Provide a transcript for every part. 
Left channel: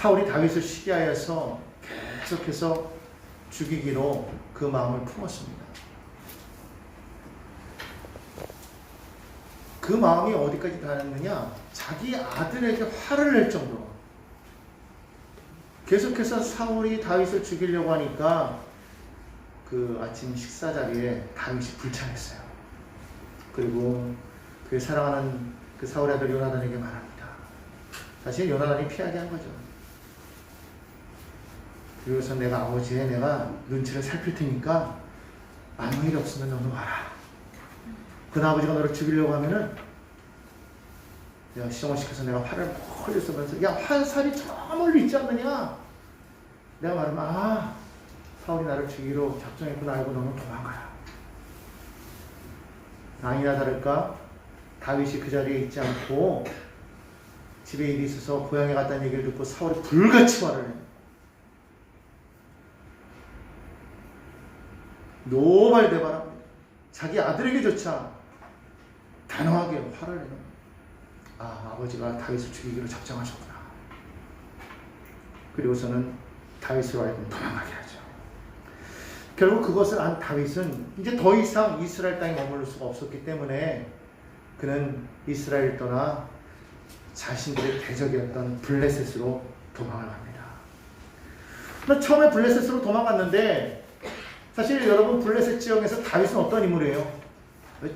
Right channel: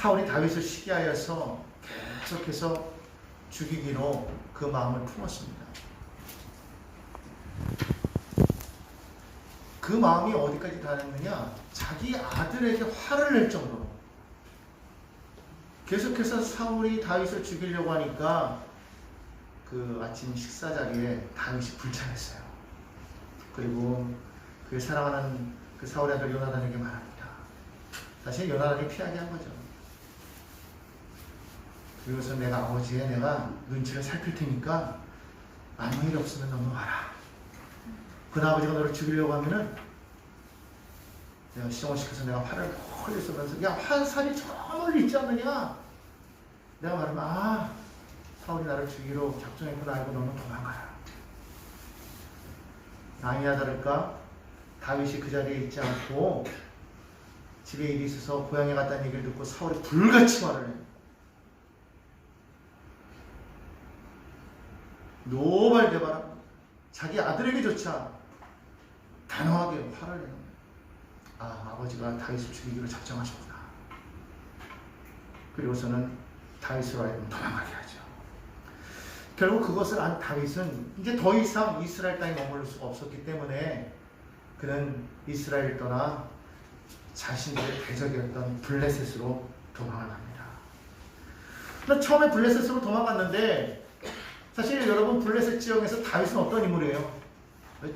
사울이 다윗을 시기하여서 계속해서 죽이기로 그 마음을 품었습니다. 그 마음이 어디까지 닿았느냐? 자기 아들에게 화를 낼 정도로 계속해서 사울이 다윗을 죽이려고 하니까 그 아침 식사 자리에 다윗이 불창했어요. 그리고 그 사랑하는 그 사울의 아들 요나단에게 말합니다. 사실 요나단이 피하게 한 거죠. 그리고서 내가 아버지의 내가 눈치를 살필 테니까 아무 일 없으면 너는 와라. 그 아버지가 너를 죽이려고 하면은 내가 시정을 시켜서 내가 화를 홀리 쏟아서 야 화살이 저 멀리 있지 않느냐. 내가 말하면 아 사울이 나를 죽이려 작정했구나 알고 너는 도망가라. 아니나 다를까 다윗이 그 자리에 있지 않고 집에 일이 있어서 고향에 갔다는 얘기를 듣고 사울이 불같이 화를 내. 노발대발 자기 아들에게조차 단호하게 화를 내는 아 아버지가 다윗을 죽이기로 작정하셨구나. 그리고서는 다윗으로 하여금 도망하게 하죠. 결국 그것을 안 다윗은 이제 더 이상 이스라엘 땅에 머무를 수가 없었기 때문에 그는 이스라엘을 떠나 자신들의 대적이었던 블레셋으로 도망을 합니다. 처음에 블레셋으로 도망갔는데 사실 여러분 블레셋 지역에서 다윗은 어떤 인물이에요?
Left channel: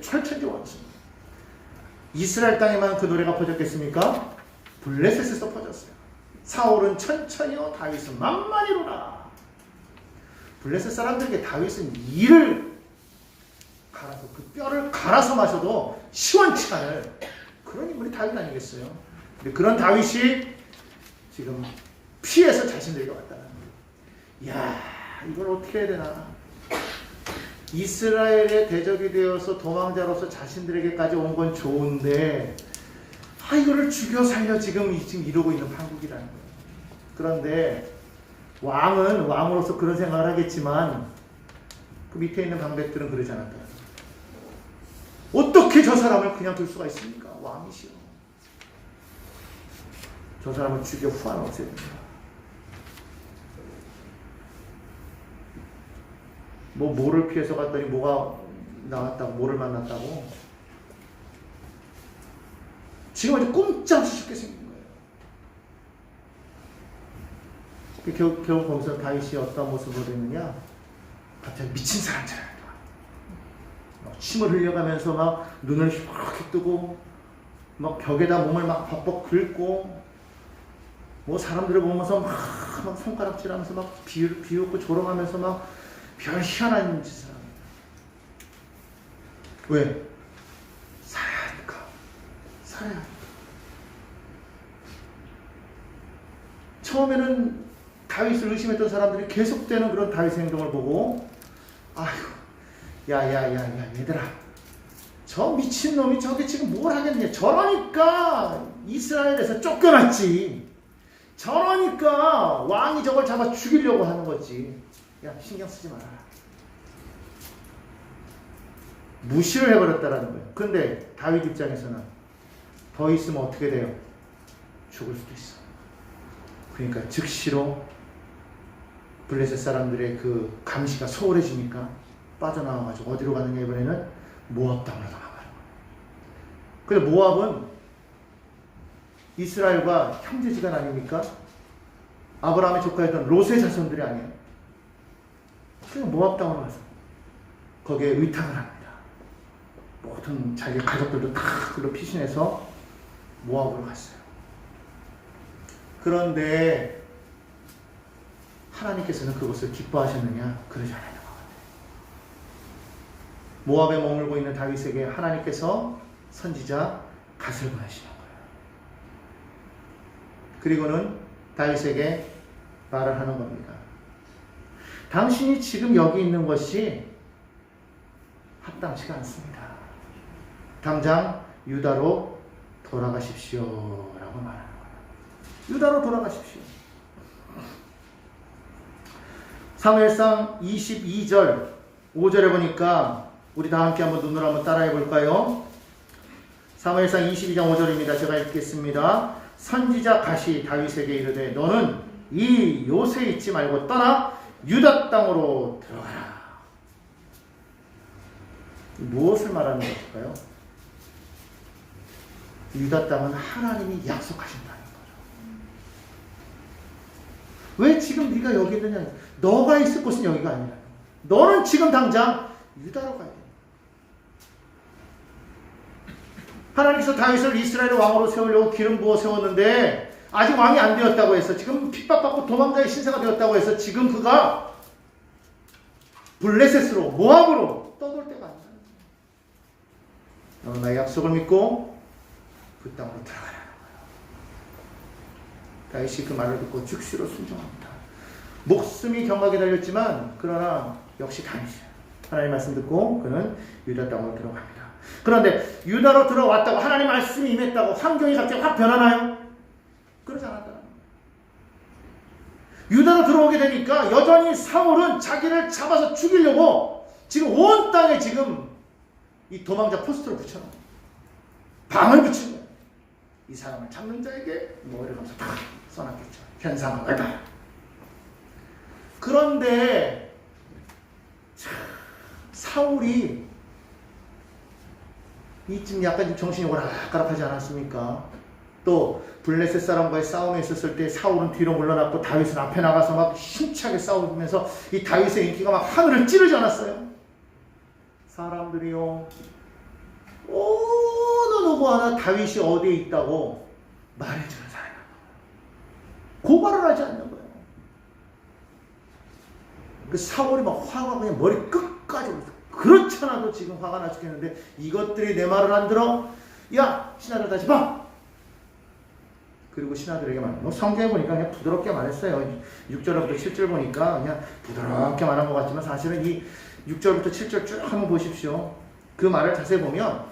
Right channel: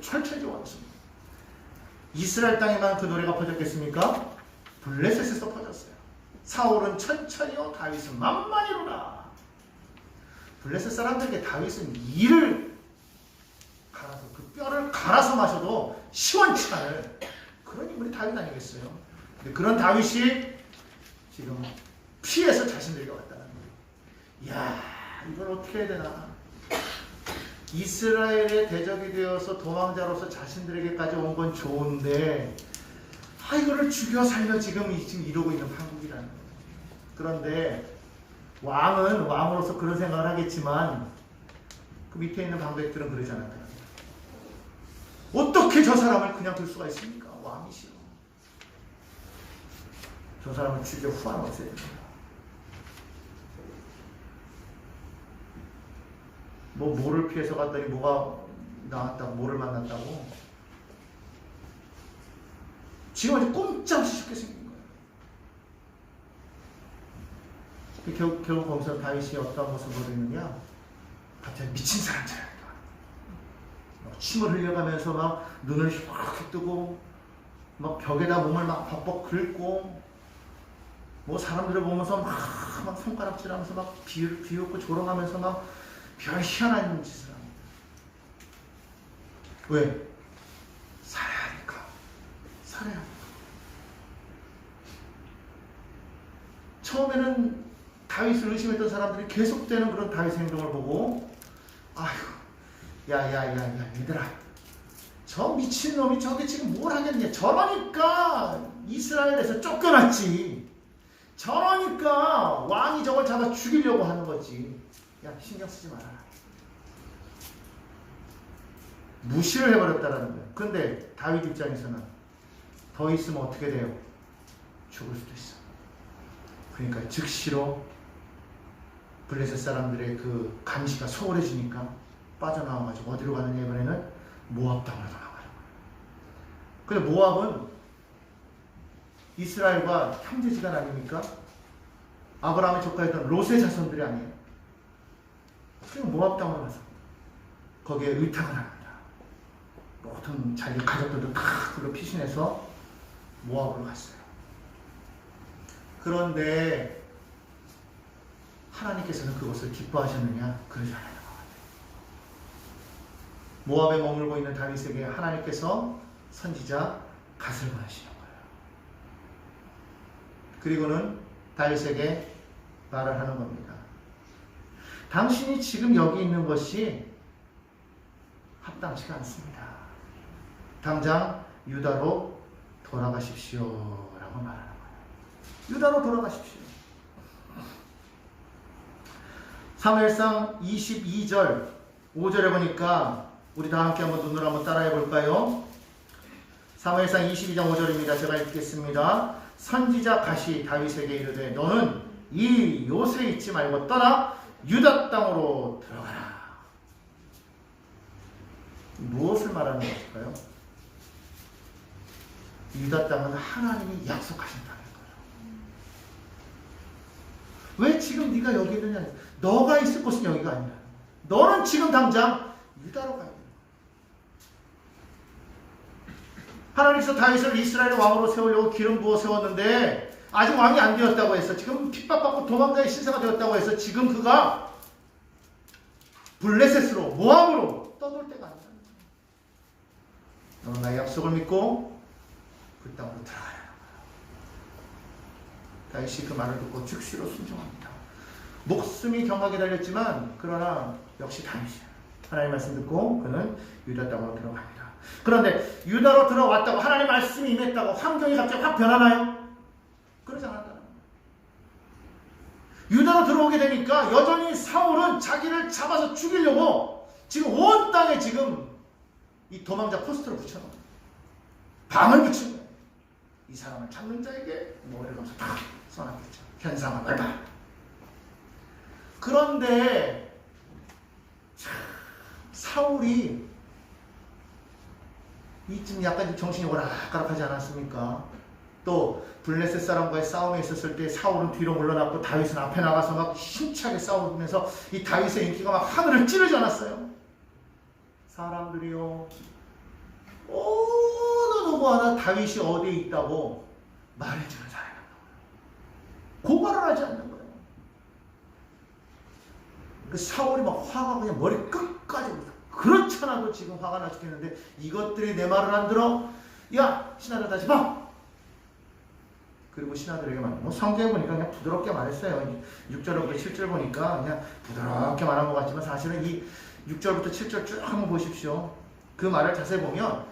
철천지 왕입니다. 이스라엘 땅에만 그 노래가 퍼졌겠습니까? 블레셋에서 퍼졌어요. 사울은 천천히요 다윗은 만만히로라. 블레셋 사람들에게 다윗은 이를 갈아서 그 뼈를 갈아서 마셔도 시원치 않을 그런 인물이 다윗 아니겠어요? 근데 그런 다윗이 지금 피해서 자신들에게 왔다는 거예요. 이야 이걸 어떻게 해야 되나? 이스라엘의 대적이 되어서 도망자로서 자신들에게까지 온 건 좋은데 이거를 죽여 살려 지금 이러고 있는 한국이라는 거예요. 그런데 왕은 왕으로서 그런 생각을 하겠지만 그 밑에 있는 방백들은 그러지 않았다. 어떻게 저 사람을 그냥 둘 수가 있습니까? 왕이시오. 저 사람을 죽여 후환 없애야 됩니다. 뭐를 피해서 갔더니 뭐가 나왔다고, 뭐를 만났다고. 지금 어디 꼼짝없이 죽게 생긴 거예요. 결국 거기서 다윗이 어떤 모습을 보였느냐? 갑자기 미친 사람처럼 침을 흘려가면서 막 눈을 휘렇게 뜨고 막 벽에다 몸을 막 벅벅 긁고 뭐 사람들을 보면서 막 손가락질하면서 막 비웃고 조롱하면서 막 별 희한한 짓을 합니다. 왜? 살아야 하니까. 살아야. 처음에는 다윗을 의심했던 사람들이 계속되는 그런 다윗의 행동을 보고 아휴 야야야야 얘들아 저 미친놈이 저게 지금 뭘 하겠냐. 저러니까 이스라엘에서 쫓겨났지. 저러니까 왕이 저걸 잡아 죽이려고 하는 거지. 야 신경 쓰지 마라. 무시를 해버렸다라는 거예요. 그런데 다윗 입장에서는 더 있으면 어떻게 돼요? 죽을 수도 있어. 그러니까 즉시로 블레셋 사람들의 그 감시가 소홀해지니까 빠져나와가지고 어디로 갔느냐 이번에는 모압 땅으로 나가요. 근데 모압은 이스라엘과 형제지간 아닙니까? 아브라함의 조카였던 롯의 자손들이 아니에요. 그냥 모압 땅으로 가서 거기에 의탁을 합니다. 모든 자기 가족들도 다 그걸로 피신해서 모압으로 갔어요. 그런데 하나님께서는 그것을 기뻐하셨느냐? 그러지 않아요. 모압에 머물고 있는 다윗에게 하나님께서 선지자 갓을 보내시는 거예요. 그리고는 다윗에게 말을 하는 겁니다. 당신이 지금 여기 있는 것이 합당치가 않습니다. 당장 유다로 돌아가십시오 라고 말합니다. 유다로 돌아가십시오. 사무엘상 22절 5절에 보니까 우리 다 함께 한번 눈으로 한번 따라해 볼까요? 사무엘상 22장 5절입니다. 제가 읽겠습니다. 선지자 갓이 다윗에게 이르되 너는 이 요새 있지 말고 떠나 유다 땅으로 들어가라. 무엇을 말하는 것일까요? 유다 땅은 하나님이 약속하신다는 거예요. 왜 지금 네가 여기 있느냐? 너가 있을 곳은 여기가 아니라 너는 지금 당장 유다로 가야 돼. 하나님께서 다윗을 이스라엘의 왕으로 세우려고 기름 부어 세웠는데 아직 왕이 안 되었다고 해서 지금 핍박받고 도망자의 신세가 되었다고 해서 지금 그가 블레셋으로 모압으로 떠돌 때가 아니야. 너는 나의 약속을 믿고 그 땅으로 들어가라. 다윗이 그 말을 듣고 즉시로 순종합니다. 목숨이 경각에 달렸지만 그러나 역시 다윗이야. 하나님 말씀 듣고 그는 유다 땅으로 들어갑니다. 그런데 유다로 들어왔다고 하나님 말씀이 임했다고 환경이 갑자기 확 변하나요? 그러지 않았다. 유다로 들어오게 되니까 여전히 사울은 자기를 잡아서 죽이려고 지금 온 땅에 지금 이 도망자 포스터를 붙여놔. 방을 붙인 거야. 이 사람을 잡는 자에게 뭐를 감싸 다 써놨겠죠. 현상을 얼마. 그런데 사울이 이쯤 약간 정신이 오락가락하지 않았습니까? 또 블레셋 사람과의 싸움에 있었을 때 사울은 뒤로 물러났고 다윗은 앞에 나가서 막 힘차게 싸우면서 이 다윗의 인기가 막 하늘을 찌르지 않았어요? 사람들이요, 어느 누구 하나 다윗이 어디에 있다고 말해주는 사람, 고발을 하지 않는 거예요. 근데 사울이 막 화가 그냥 머리 끝까지 오죠. 그렇잖아도 지금 화가 나 죽겠는데 이것들이 내 말을 안 들어? 야, 신하들 다시 봐! 그리고 신하들에게 말해. 뭐 성경에 보니까 그냥 부드럽게 말했어요. 6절부터 7절 보니까 그냥 부드럽게 말한 것 같지만 사실은 이 6절부터 7절 쭉 한번 보십시오. 그 말을 자세히 보면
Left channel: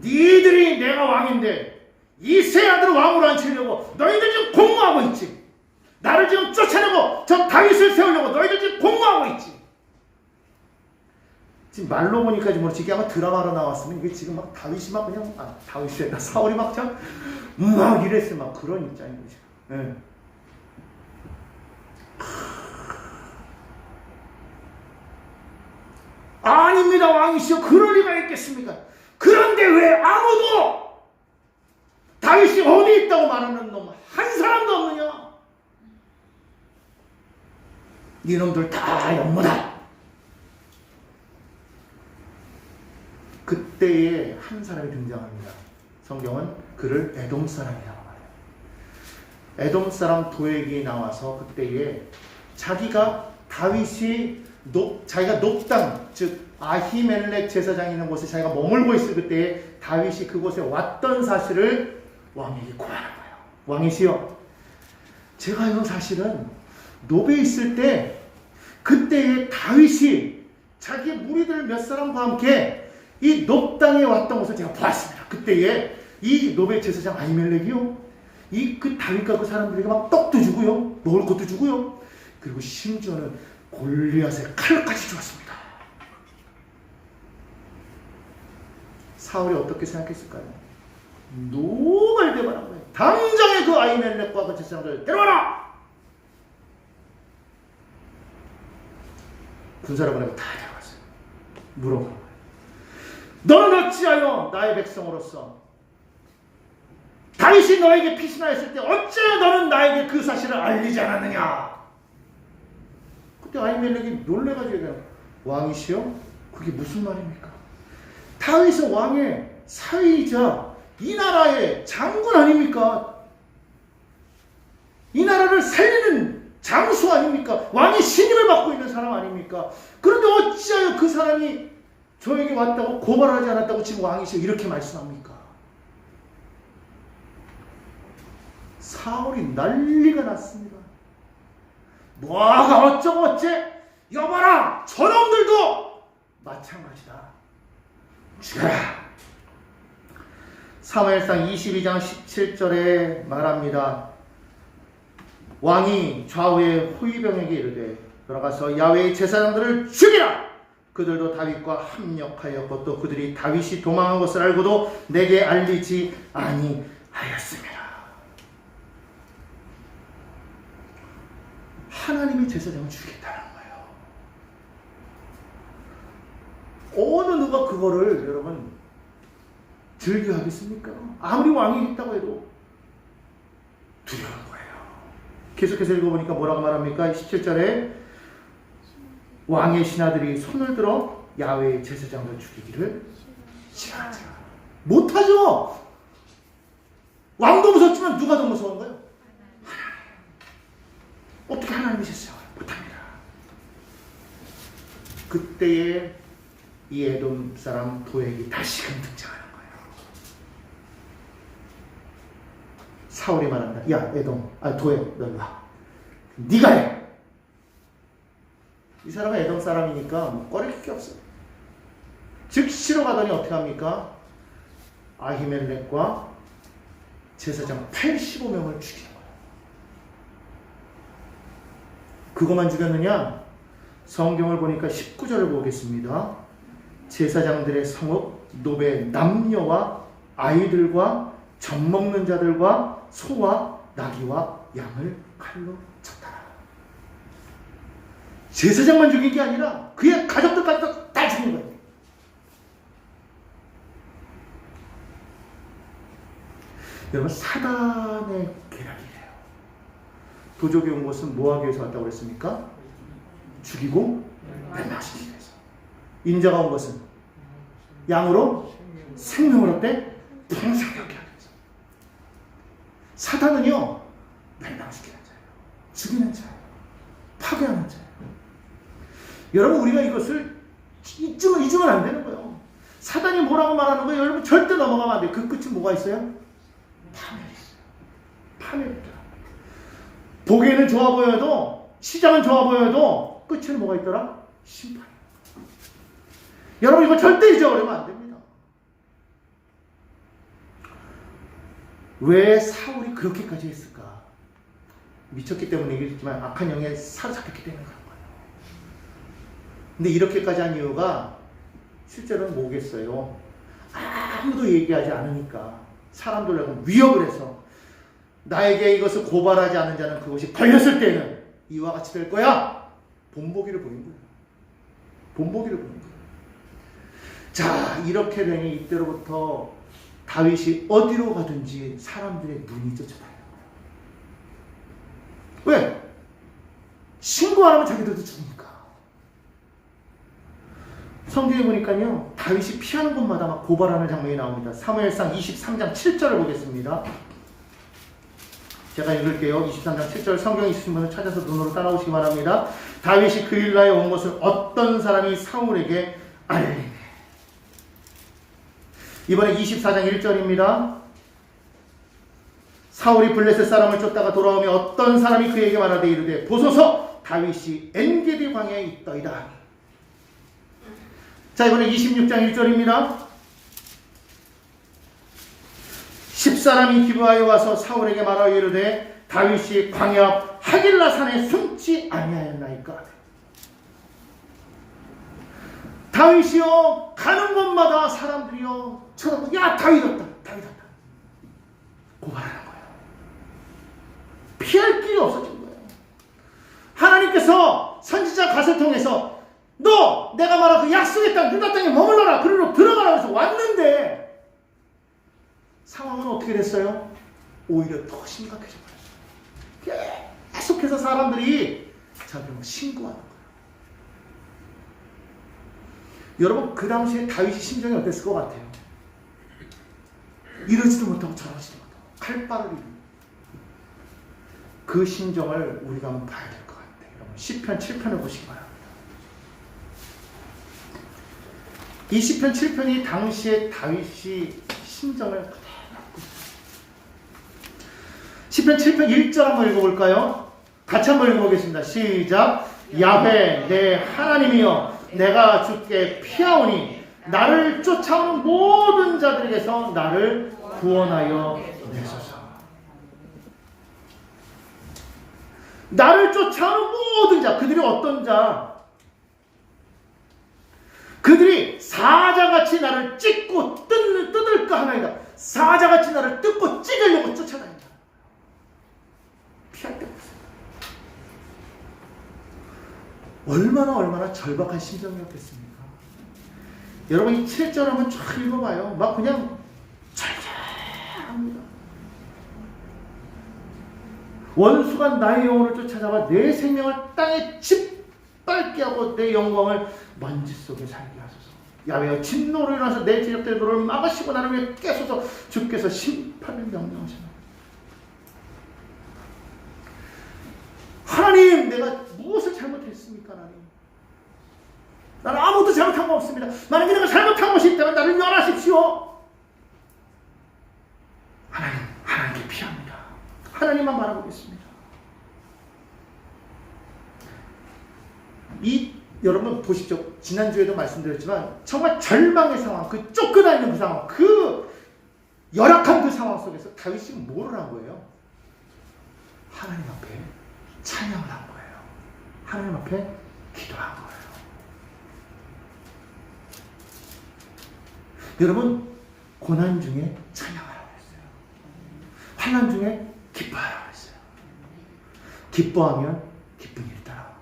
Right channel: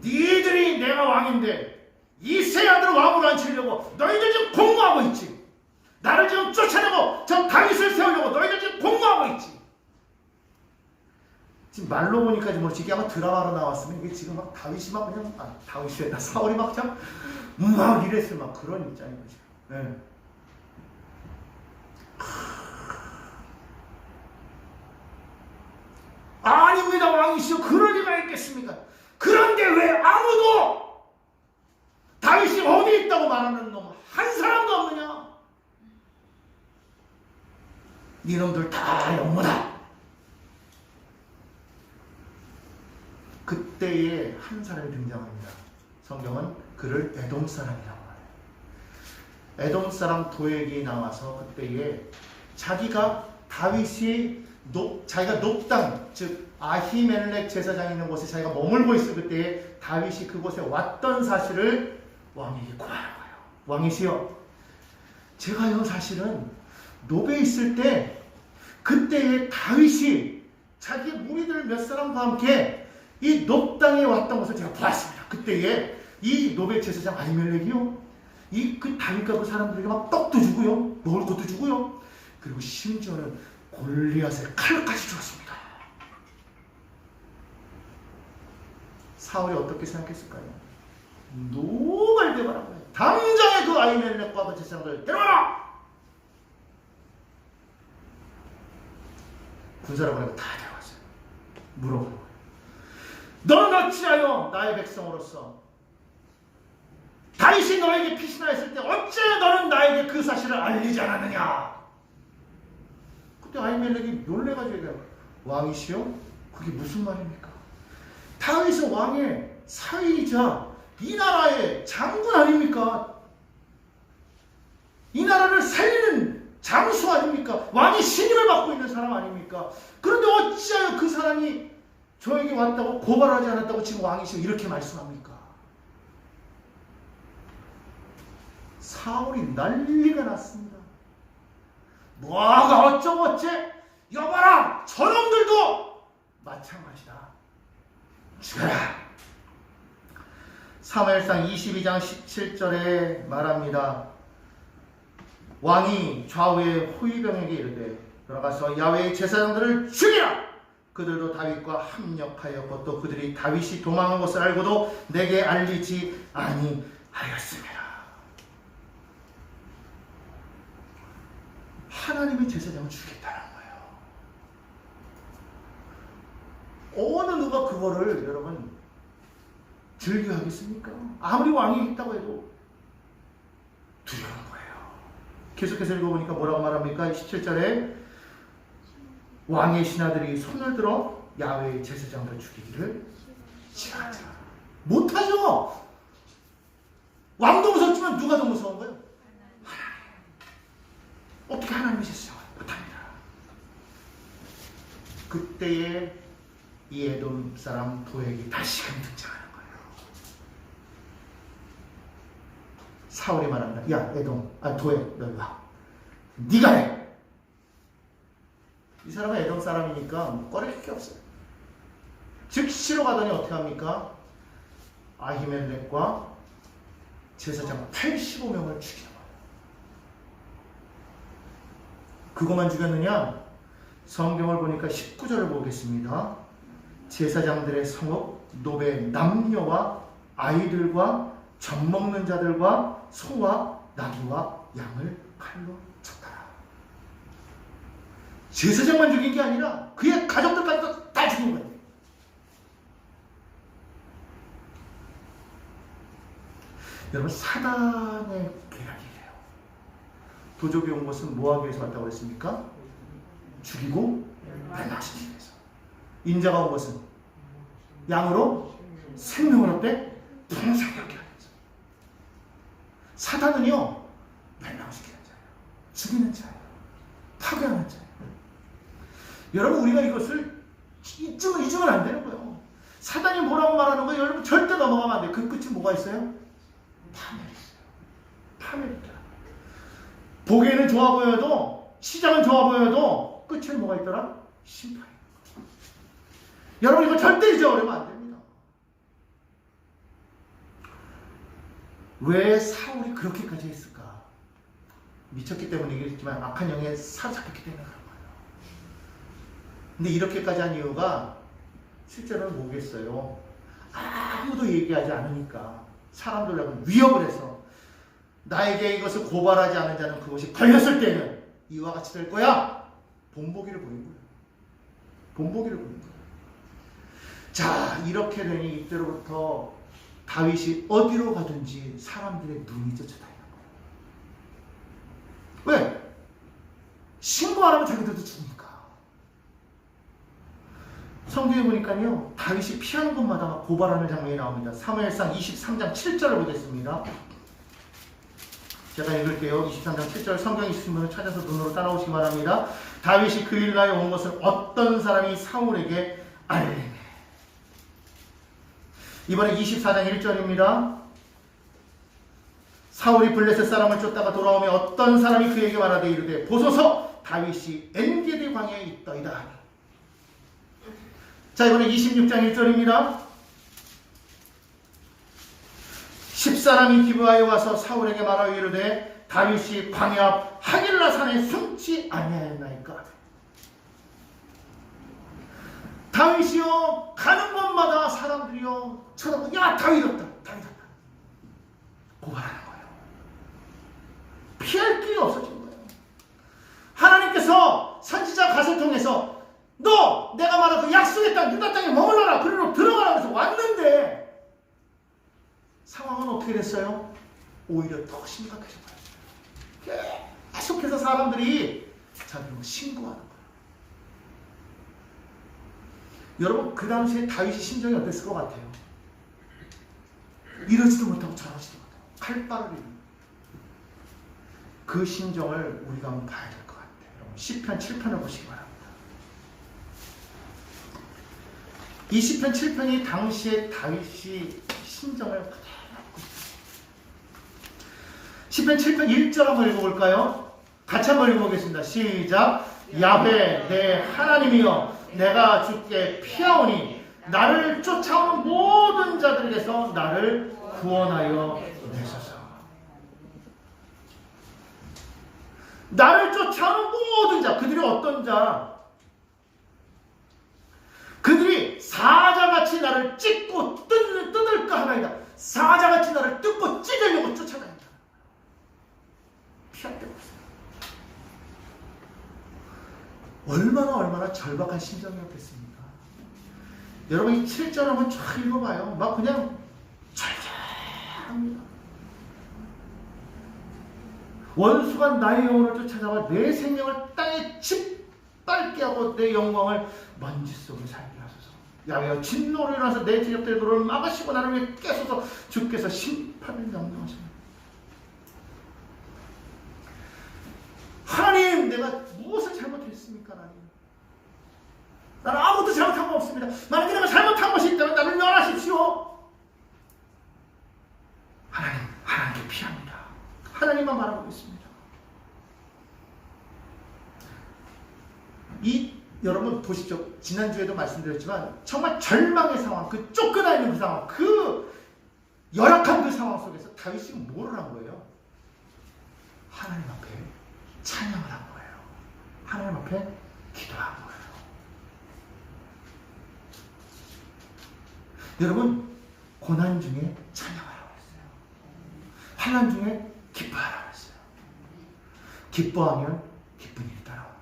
니들이 내가 왕인데 이 세 아들을 왕으로 앉히려고 너희들 지금 공모하고 있지. 나를 지금 쫓아내고 저 다윗을 세우려고 너희들 지금 공모하고 있지. 지금 말로 보니까 모르지 이게 아마 드라마로 나왔으면 이게 지금 막 다윗이 막 그냥 다윗이랬다 사울이 막 이랬을 막 그런 입장인 거죠. 예. 아닙니다 왕이시여 그럴 리가 있겠습니까? 그런데 왜 아무도 다윗이 어디 있다고 말하는 놈 한 사람도 없느냐? 이놈들 다 영무다. 그때에 한 사람이 등장합니다. 성경은 그를 에돔 사람이라고 해요. 에돔 사람 도액이 나와서 그때에 자기가 다윗이 자기가 높당 즉 아히멜렉 제사장이 있는 곳에 자기가 머물고 있을 그때에 다윗이 그곳에 왔던 사실을 왕에게 고하는 거예요. 왕이시여, 제가 이런 사실은 노베에 있을 때 그때에 다윗이 자기 무리들 몇 사람과 함께 이 높 땅에 왔던 것을 제가 보았습니다. 그때에 이 노베 제사장 아히멜렉이요, 이 그 다윗과 그 사람들이 막 떡도 주고요, 먹을 것도 주고요, 그리고 심지어는 골리앗의 칼까지 주었습니다. 사울이 어떻게 생각했을까요? 노발대발한 거예요. 당장에 그 아히멜렉과 그 제사장들 데려와라! 군사를 보내고 다 데려왔어요. 물어봐. 너는 어찌하여 나의 백성으로서 다윗이 너에게 피신하였을 때 어찌하여 너는 나에게 그 사실을 알리지 않았느냐? 그때 아히멜렉이 놀래가지고 왕이시여? 그게 무슨 말입니까? 다윗은 왕의 사위이자 이 나라의 장군 아닙니까? 이 나라를 살리는 장수 아닙니까? 왕의 신임을 받고 있는 사람 아닙니까? 그런데 어찌하여 그 사람이 저에게 왔다고 고발하지 않았다고 지금 왕이시여 이렇게 말씀합니까? 사울이 난리가 났습니다. 뭐가 어쩌고 어째? 여봐라, 저놈들도 마찬가지다. 죽여라. 사무엘상 22장 17절에 말합니다. 왕이 좌우의 호위병에게 이르되 돌아가서 야훼의 제사장들을 죽이라. 그들도 다윗과 합력하였고 또 그들이 다윗이 도망한 것을 알고도 내게 알리지 아니하였습니다. 하나님이 제사장을 죽이겠다는 거예요. 어느 누가 그거를 여러분 즐겨하겠습니까? 아무리 왕이 있다고 해도 두려운 거예요. 계속해서 읽어보니까 뭐라고 말합니까? 17절에 왕의 신하들이 손을 들어 야훼의 제사장을 죽이기를 싫어하자. 못하죠. 왕도 무섭지만 누가 더 무서운 거예요? 어떻게 하나님이 제사장을 못합니다. 그때에 이 에돔 사람 도액이 다시금 등장하는 거예요. 사울이 말합니다. 야 에돔, 도액 너 와. 네가 해. 이 사람은 에돔 사람이니까 뭐 꺼릴 게 없어요. 즉시로 가더니 어떻게 합니까? 아히멜렉과 제사장 85명을 죽이는 거예요. 그것만 죽였느냐? 성경을 보니까 19절을 보겠습니다. 제사장들의 성읍 노베 남녀와 아이들과 젖먹는 자들과 소와 나귀와 양을 칼로 쳤다. 제사장만 죽인 게 아니라 그의 가족들까지 다 죽인 거예요. 여러분 사단의 계략이에요. 도적이 온 것은 뭐 하기 위해서 왔다고 그랬습니까? 죽이고 멸망시키기 위해서. 인자가 온 것은 양으로 생명을 얻되 풍성하게 하기 위해서. 사단은요 멸망시키는 자예요. 죽이는 자예요. 파괴하는 자예요. 여러분 우리가 이것을 잊으면 안 되는 거예요. 사단이 뭐라고 말하는 거예요? 여러분 절대 넘어가면 안 돼요. 그 끝이 뭐가 있어요? 파멸이 있어요. 파멸이 있다. 보기에는 좋아 보여도 시장은 좋아 보여도 끝에는 뭐가 있더라? 심판. 여러분 이거 절대 잊어버리면 안 됩니다. 왜 사울이 그렇게까지 했을까? 미쳤기 때문에 얘기했지만 악한 영에 사로잡혔기 때문에 그런 거예요. 근데 이렇게까지 한 이유가 실제로는 뭐겠어요? 아무도 얘기하지 않으니까 사람들은 위협을 해서 나에게 이것을 고발하지 않은 자는 그것이 걸렸을 때는 이와 같이 될 거야. 본보기를 보인 거예요. 본보기를 보인 거예요. 자, 이렇게 되니 이때로부터 다윗이 어디로 가든지 사람들의 눈이 쫓아다니는 거예요. 왜? 신고 안 하면 자기들도 죽으니까. 성경에 보니까요, 다윗이 피하는 곳마다 막 고발하는 장면이 나옵니다. 사무엘상 23장 7절을 보겠습니다. 제가 읽을게요. 23장 7절 성경 있으신 분을 찾아서 눈으로 따라오시기 바랍니다. 다윗이 그일라에 온 것을 어떤 사람이 사울에게 알리네. 이번에 24장 1절입니다. 사울이 블레셋 사람을 쫓다가 돌아오며 어떤 사람이 그에게 말하되 이르되 보소서 다윗이 엔게디 광야에 있더이다. 자, 이번에 26장 1절입니다. 10사람이 기브아에 와서 사울에게 말하여 이르되 다윗이 광야 앞 하길라 산에 숨지 아니하였나이까. 다윗이요 가는 곳마다 사람들이요 쳐다보고 야 다윗 왔다 다윗 왔다 고발하는 거예요. 피할 길이 없어진 거예요. 하나님께서 선지자 갓을 통해서 너 내가 말한 그 약속의 땅 유다 땅에 머물러라 그리로 들어가라고 해서 왔는데 상황은 어떻게 됐어요? 오히려 더 심각해졌어요. 계속해서 사람들이 자기는 신고하는 거예요. 여러분 그 당시에 다윗의 심정이 어땠을 것 같아요? 이러지도 못하고 저러지도 못하고 칼바를 그 심정을 우리가 한번 봐야 될 것 같아요. 여러분 10편 7편을 보시기 바랍니다. 이 시편 7편이 당시에 다윗이 심정을 시편 7편 1절 한번 읽어볼까요? 같이 한번 읽어보겠습니다. 시작. 야훼 내 하나님이여 내가 주께 피하오니 나를 쫓아오는 모든 자들에게서 나를 구원하여 내소서. 나를 쫓아오는 모든 자, 그들이 어떤 자? 그들이 사자같이 나를 찢고 뜯을까 하나이다. 사자같이 나를 뜯고 찢으려고 쫓아다닌다. 피할 데가 없습니다. 얼마나 절박한 심정이었겠습니까? 여러분 이 7절 한번 쫙 읽어봐요. 막 그냥 잘잘합니다. 원수가 나의 영혼을 쫓아잡아 내 생명을 땅에 짓밟게 하고 내 영광을 먼지 속에 살게 하소서. 야외여 진노로 인해서 내 제작된 도를 막으시고 나를 위해 깨소서. 주께서 심판을 명령하시나. 하나님, 내가 무엇을 잘못했습니까? 하나님, 나는 아무것도 잘못한 거 없습니다. 만약에 내가 잘못한 것이 있다면 나를 면하십시오. 하나님께 피합니다. 하나님만 바라보겠습니다. 여러분 보십시오. 지난주에도 말씀드렸지만 정말 절망의 상황, 그 쫓겨다니는 그 상황, 그 열악한 그 상황 속에서 다윗이 뭐를 한 거예요? 하나님 앞에 찬양을 한 거예요. 하나님 앞에 기도한 거예요. 여러분, 고난 중에 찬양하라고 했어요. 환난 중에 기뻐하라고 했어요. 기뻐하면 기쁜 일이 따라오는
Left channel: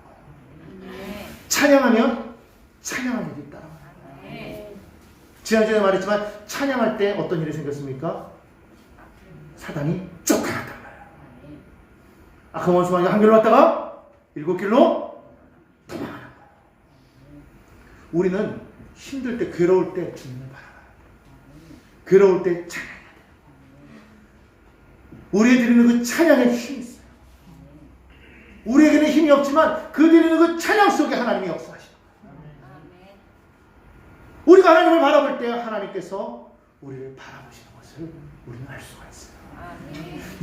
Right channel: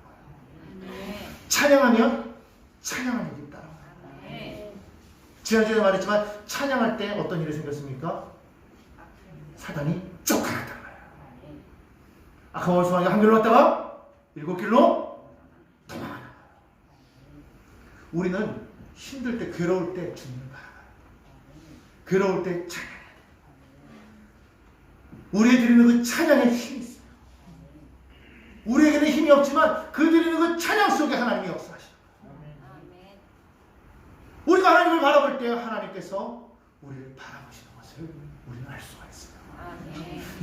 거예요. 찬양하면 찬양하는 일이 따라오는 거예요. 지난주에 말했지만 찬양할 때 어떤 일이 생겼습니까? 사단이 쫓아갔단 말이에요. 악한 원수가 한 길로 왔다가 7길로 도망가는 거예요. 우리는 힘들 때, 괴로울 때 주님을 바라봐요. 괴로울 때 찬양해야 돼요. 우리가 드리는 그 찬양에 힘이 있어요. 우리에게는 힘이 없지만 그 드리는 그 찬양 속에 하나님이 역사하시죠. 우리가 하나님을 바라볼 때 하나님께서 우리를 바라보시는 것을 우리는 알 수가 있어요.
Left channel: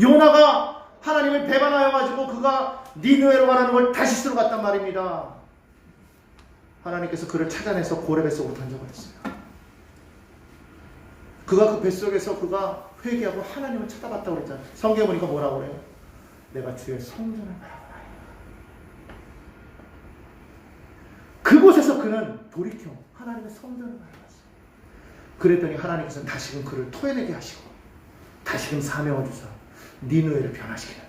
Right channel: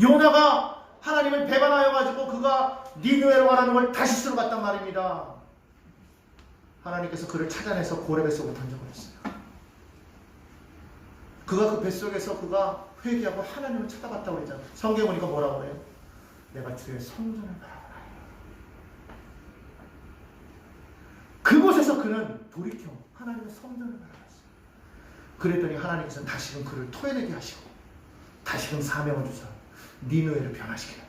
요나가 하나님을 배반하여 가지고 그가 니느웨로 가라는 걸 다시스로 갔단 말입니다. 하나님께서 그를 찾아내서 고래 뱃속으로 던져버렸어요. 그가 그 뱃속에서 그가 회개하고 하나님을 찾아봤다고 그러잖아요. 성경에 보니까 뭐라고 그래요? 내가 주의 성전을 바라보라. 그곳에서 그는 돌이켜 하나님의 성전을 바라봤어요. 그랬더니 하나님께서는 다시금 그를 토해내게 하시고 다시금 사명을 주사 니느웨를 변화시키는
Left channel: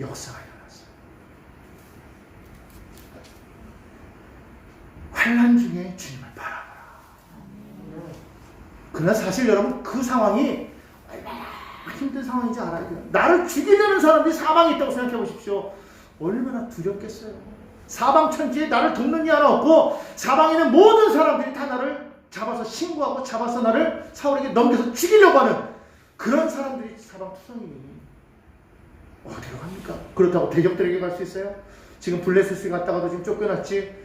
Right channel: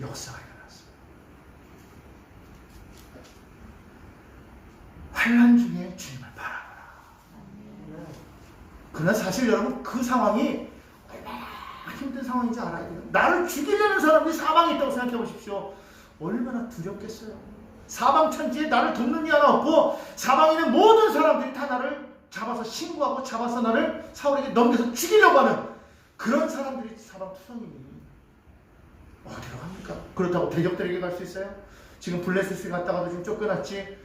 역사가 일어났어요. 환난 중에 주님을 바라보라. 그러나 사실 여러분 그 상황이 얼마나 힘든 상황인지 알아야 돼요. 나를 죽이려는 사람들이 사방에 있다고 생각해 보십시오. 얼마나 두렵겠어요. 사방 천지에 나를 돕는 이 하나 없고 사방에 있는 모든 사람들이 다 나를 잡아서 신고하고 잡아서 나를 사울에게 넘겨서 죽이려고 하는 그런 사람들이 사방투성이니 어디로 갑니까? 그렇다고 대적들에게 갈 수 있어요? 지금 블레셋에 갔다가도 지금 쫓겨났지.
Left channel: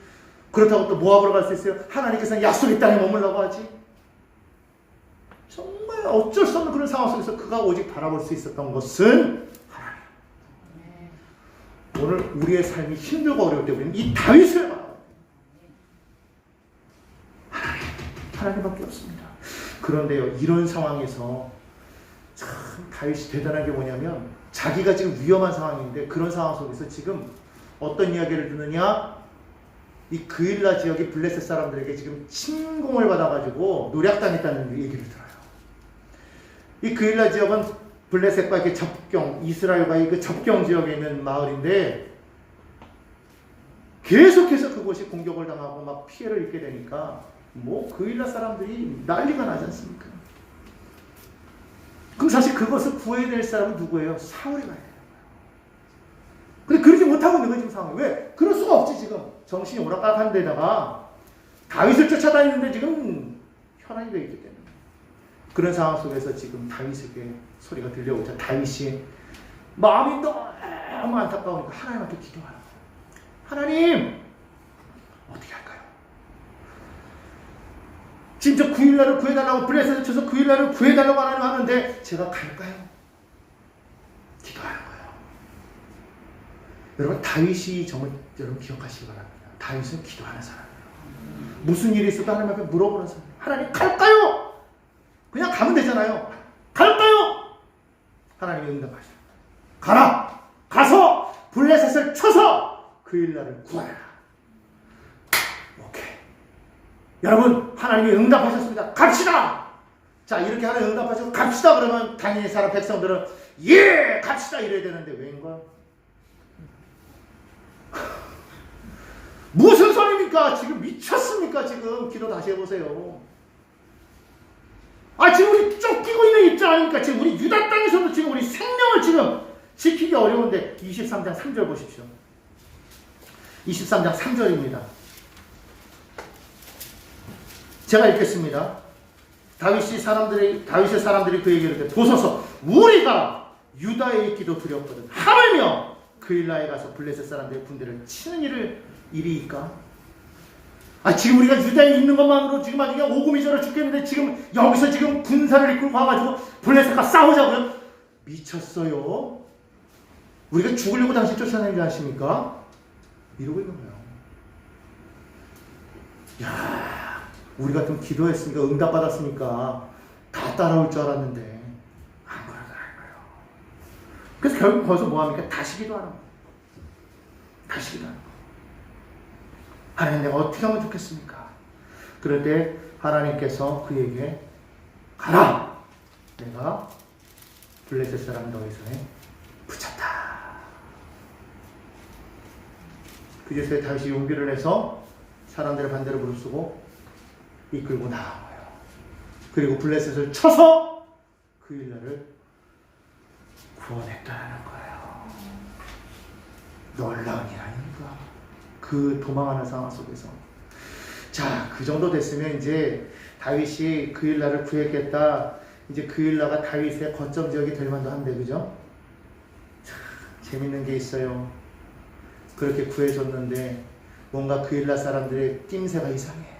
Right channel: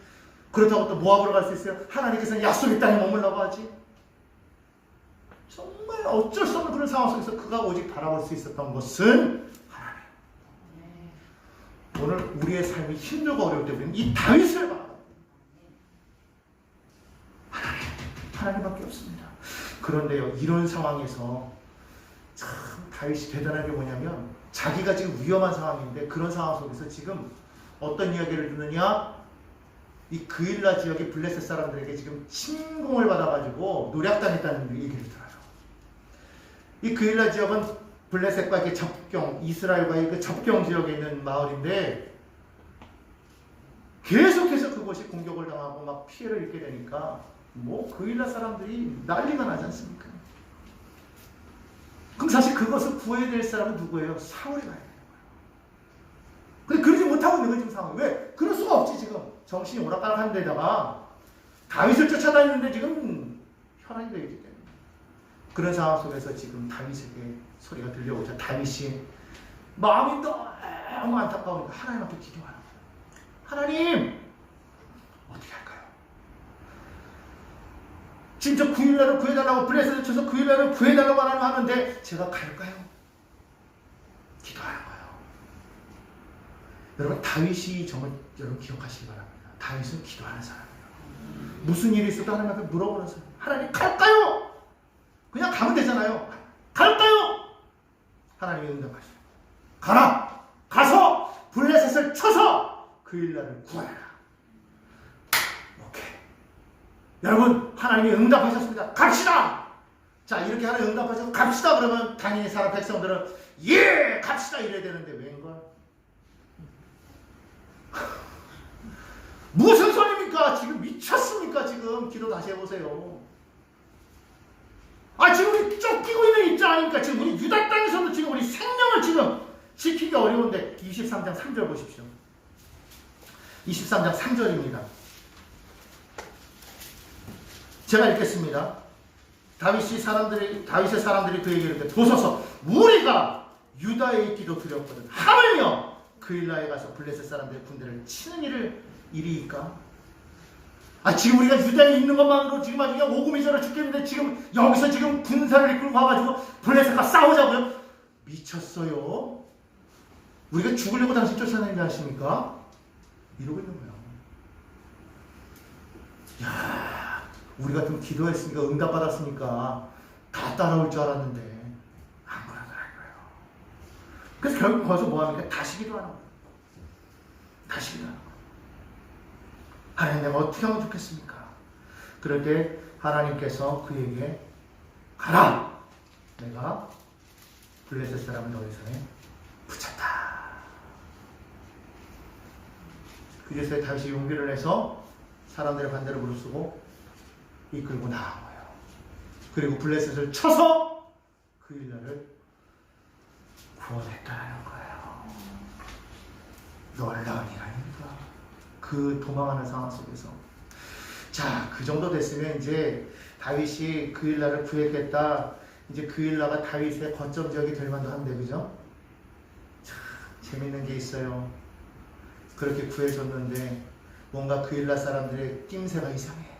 그렇다고 또 모압으로 갈 수 있어요? 하나님께서는 약속의 땅에 머물라고 하지. 정말 어쩔 수 없는 그런 상황 속에서 그가 오직 바라볼 수 있었던 것은 하나님. 오늘 우리의 삶이 힘들고 어려울 때 우리는 이 다윗을 바라봐요. 하나님밖에 없습니다. 그런데요, 이런 상황에서 참 다윗이 대단한 게 뭐냐면 자기가 지금 위험한 상황인데 그런 상황 속에서 지금 어떤 이야기를 듣느냐? 이 그일라 지역의 블레셋 사람들에게 지금 침공을 받아가지고 노략당했다는 얘기를 들어요. 이 그일라 지역은 블레셋과 이렇게 접경, 이스라엘과의 그 접경 지역에 있는 마을인데 계속해서 그곳이 공격을 당하고 막 피해를 입게 되니까 뭐 그일라 사람들이 난리가 나지 않습니까? 그럼 사실 그것을 구해야 될 사람은 누구예요? 사울이 가야 돼요. 근데 그러지 못하고 있는 거지, 지금 상황이. 왜? 그럴 수가 없지, 지금. 정신이 오락가락한 데다가 다윗을 쫓아다니는데 지금 현안이 되기 때문에. 그런 상황 속에서 지금 다윗에게 소리가 들려오죠. 다윗이 마음이 너무 안타까우니까 하나님한테 기도하라고. 하나님, 어떻게 할까요? 지금 저 구일라를 구해달라고 블레셋을 쳐서 구일라를 구해달라고 하는데 제가 갈까요? 기도하는 거예요. 여러분 다윗이 정말 여러분 기억하시기 바랍니다. 다윗은 기도하는 사람이에요. 무슨 일이 있어도 하나님 앞에 물어보는 사람. 하나님 갈까요? 그냥 가면 되잖아요. 갈까요? 하나님이 응답하셔요. 가라! 가서 블레셋을 쳐서 구일라를 구하라. 오케이. 여러분, 하나님이 응답하셨습니다. 갑시다! 자, 이렇게 하나님 응답하셔서 갑시다 그러면 당연히 사람 백성들은 예! 갑시다! 이래야 되는데 웬걸? 무슨 소리입니까? 지금 미쳤습니까? 지금 기도 다시 해보세요. 지금 우리 쫓기고 있는 입장 아닙니까? 지금 우리 유다 땅에서도 지금 우리 생명을 지금 지키기 어려운데 23장 3절 보십시오. 23장 3절입니다. 제가 읽겠습니다. 다윗의 사람들이 그에게 이르되 보소서 우리가 유다에 있기도 두렵거든 하물며 그일라에 가서 블레셋 사람들의 군대를 치는 일이니까 지금 우리가 유다에 있는 것만으로 지금 아주 그냥 오금이절을 죽겠는데 지금 여기서 지금 군사를 이끌고 가가지고 블레셋과 싸우자고요? 미쳤어요. 우리가 죽으려고 당신 쫓아내는지 아십니까? 이러고 있는 거야. 야, 우리가 좀 기도했으니까 응답받았으니까 다 따라올 줄 알았는데 안 그래요. 그래서 결국 거기서 뭐합니까? 다시 기도하는 거야. 다시 기도하는 거야. 하나님, 내가 어떻게 하면 좋겠습니까? 그럴 때 하나님께서 그에게 가라! 내가 블레셋 사람 너희 손에 붙였다. 그제서야 다윗이 용기를 내서 사람들의 반대를 무릅쓰고 이끌고 나간 거예요. 그리고 블레셋을 쳐서 그 일날을 구원했다는 거예요. 놀라운 일 아닙니까? 그 도망하는 상황 속에서. 자, 그 정도 됐으면 이제 다윗이 그 일날을 구했겠다. 이제 그 일나가 다윗의 거점 지역이 될 만도 한데, 그죠? 참 재밌는 게 있어요. 그렇게 구해줬는데 뭔가 그 일나 사람들의 낌새가 이상해.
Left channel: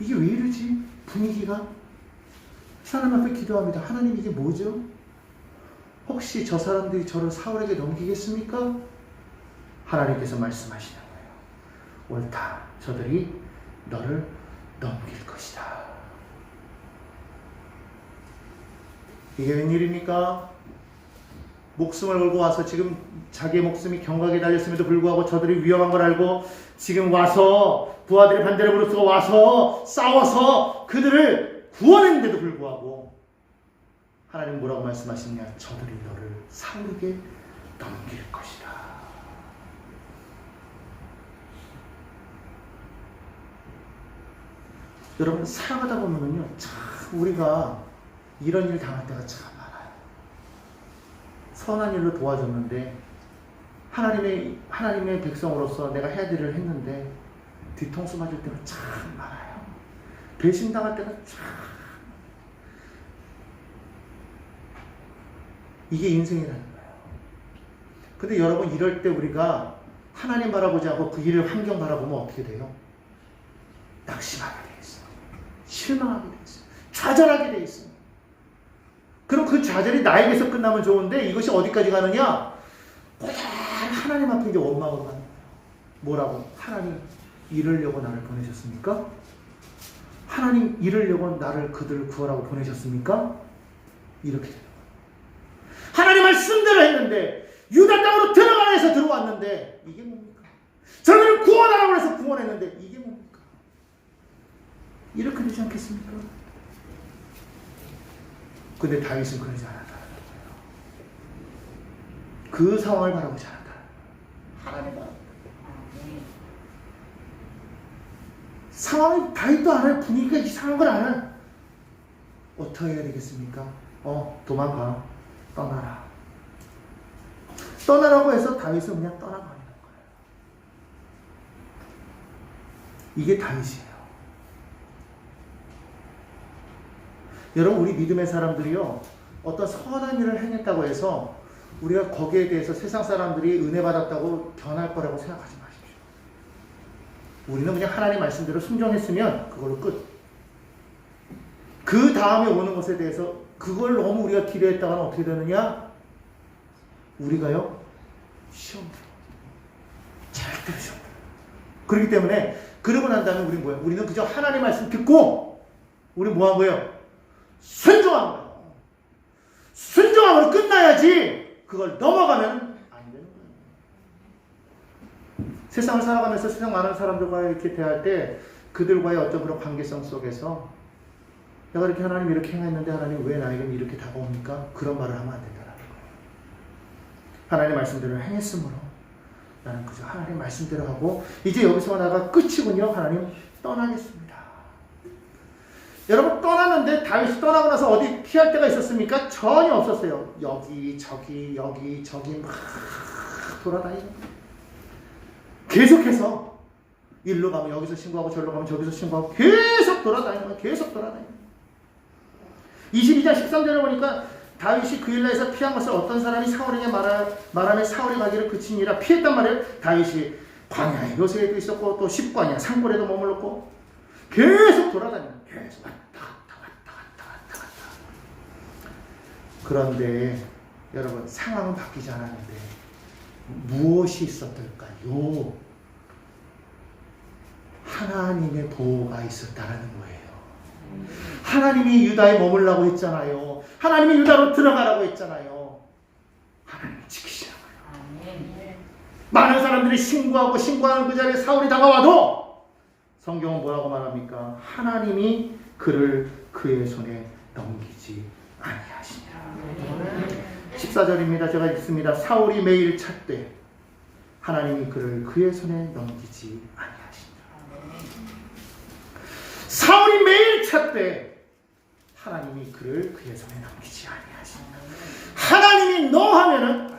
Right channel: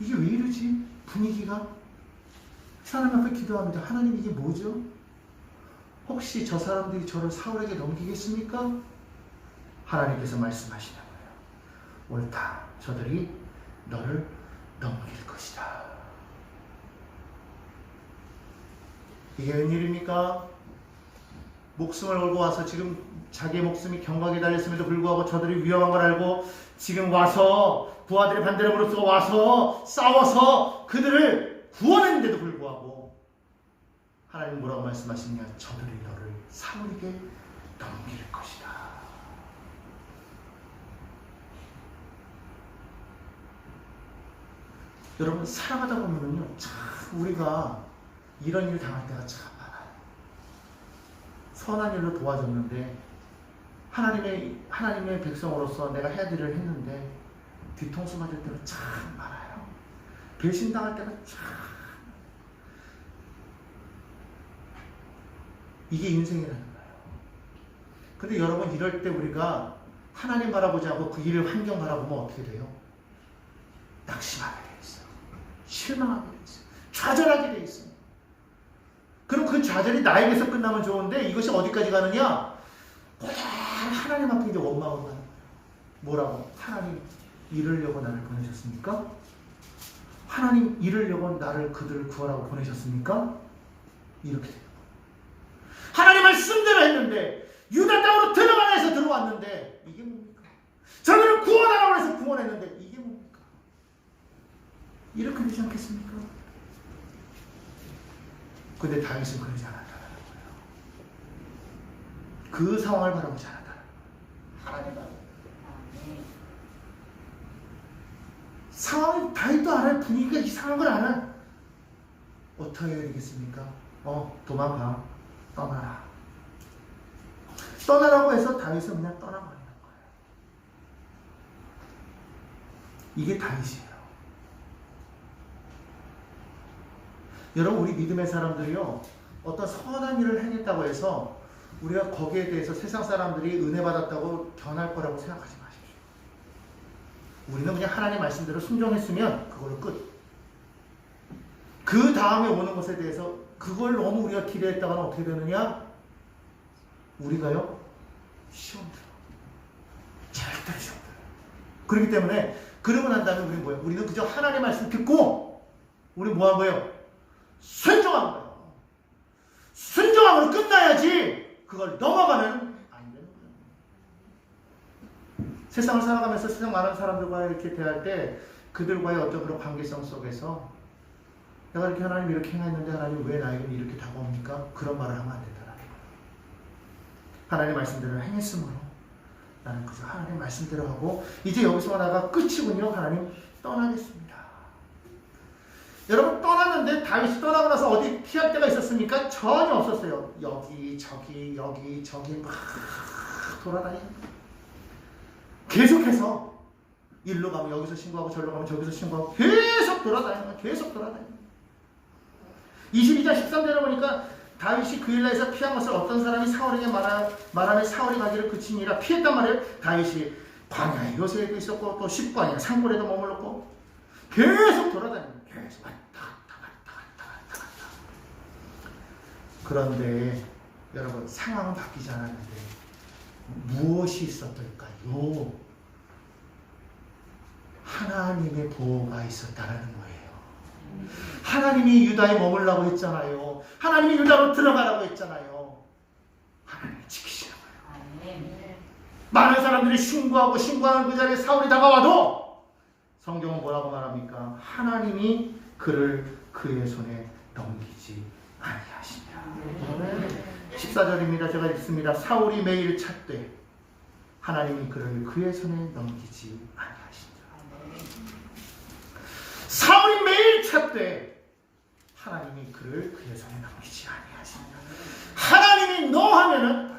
이게 왜 이러지? 분위기가? 하나님 앞에 기도합니다. 하나님, 이게 뭐죠? 혹시 저 사람들이 저를 사울에게 넘기겠습니까? 하나님께서 말씀하시는 거예요. 옳다. 저들이 너를 넘길 것이다. 이게 웬일입니까? 목숨을 걸고 와서 지금 자기의 목숨이 경각에 달렸음에도 불구하고 저들이 위험한 걸 알고 지금 와서 부하들의 반대를 무릅쓰고 와서 싸워서 그들을 구원했는데도 불구하고 하나님 뭐라고 말씀하시냐? 저들이 너를 사울에게 넘길 것이다. 여러분, 살아가다 보면요, 참 우리가 이런 일 당할 때가 참 많아요. 선한 일로 도와줬는데 하나님의 백성으로서 내가 해야 될 일을 했는데 뒤통수 맞을 때가 참 많아요. 배신당할 때가 참. 이게 인생이라는 거예요. 근데 여러분, 이럴 때 우리가 하나님 바라보지 않고 그 일을 환경 바라보면 어떻게 돼요? 낙심하게 돼 있어. 실망하게 돼 있어. 좌절하게 돼 있어. 그럼 그 좌절이 나에게서 끝나면 좋은데 이것이 어디까지 가느냐? 하나님 앞에 이제 원망으로 가는 거예요. 뭐라고? 하나님, 이러려고 나를 보내셨습니까? 하나님, 이러려고 그들을 구하라고 보내셨습니까? 이렇게 돼요. 하나님 말씀대로 했는데 유다 땅으로 들어가라 해서 들어왔는데 이게 뭡니까? 저들을 구원하라고 해서 구원했는데 이게 뭡니까? 이렇게 되지 않겠습니까? 근데 다윗은 그러지 않았다. 그 상황을 바라보지 않았다. 하나님 상황이 다윗도 알아요. 분위기가 이상한 걸 알아요. 어떻게 해야 되겠습니까? 도망가. 떠나라. 떠나라고 해서 다윗은 그냥 떠나버리는 거예요. 이게 다윗이에요. 여러분, 우리 믿음의 사람들이요, 어떤 선한 일을 행했다고 해서 우리가 거기에 대해서 세상 사람들이 은혜 받았다고 변할 거라고 생각하지 마십시오. 우리는 그냥 하나님 말씀대로 순종했으면 그걸로 끝. 그 다음에 오는 것에 대해서 그걸 너무 우리가 기대했다가는 어떻게 되느냐? 우리가요, 시험 들어. 절대로 시험 들어. 그렇기 때문에 그러고 난 다음에 우리는 뭐예요? 우리는 그저 하나님 말씀 듣고 우리 뭐 한 거예요? 순종한 거예요. 순종함으로 끝나야지 그걸 넘어가면 안 되는 거예요. 세상을 살아가면서 세상 많은 사람들과 이렇게 대할 때 그들과의 어떤 그런 관계성 속에서 내가 이렇게 하나님 이렇게 행했는데 하나님 왜 나에게는 이렇게 다가옵니까? 그런 말을 하면 안 된다. 하나님 말씀대로 행했으므로 나는 그저 하나님 말씀대로 하고 이제 여기서 나가 끝이군요. 하나님 떠나겠습니다. 여러분 떠났는데 다윗이 떠나고 나서 어디 피할 데가 있었습니까? 전혀 없었어요. 여기 저기 막 돌아다니는 계속해서 일로 가면 여기서 신고하고 절로 가면 저기서 신고하고 계속 돌아다니는 거예요. 계속 돌아다니는 거예요. 22장 13절에 보니까 다윗이 그 일에서 피한 것을 어떤 사람이 사울에게 말하며 사울이 가기를 그치니라 피했단 말이에요. 다윗이 광야에 요새에도 있었고 또 십관에 산골에도 머물렀고 계속 돌아다니는 거예요. 계속 왔다 갔다. 그런데 여러분 상황은 바뀌지 않았는데 무엇이 있었을까요? 하나님의 보호가 있었다는 거예요. 하나님이 유다에 머물라고 했잖아요. 하나님이 유다로 들어가라고 했잖아요. 하나님이 지키시라고. 많은 사람들이 신고하는 그 자리에 사울이 다가와도 성경은 뭐라고 말합니까? 하나님이 그를 그의 손에 넘기지 아니하시니라. 14절입니다. 제가 읽습니다. 사울이 매일 찾되 하나님이 그를 그의 손에 넘기지 아니하시니라. 사울이 매일 찾되 하나님이 그를 그의 손에 넘기지 아니하시니라. 하나님이 너 하면은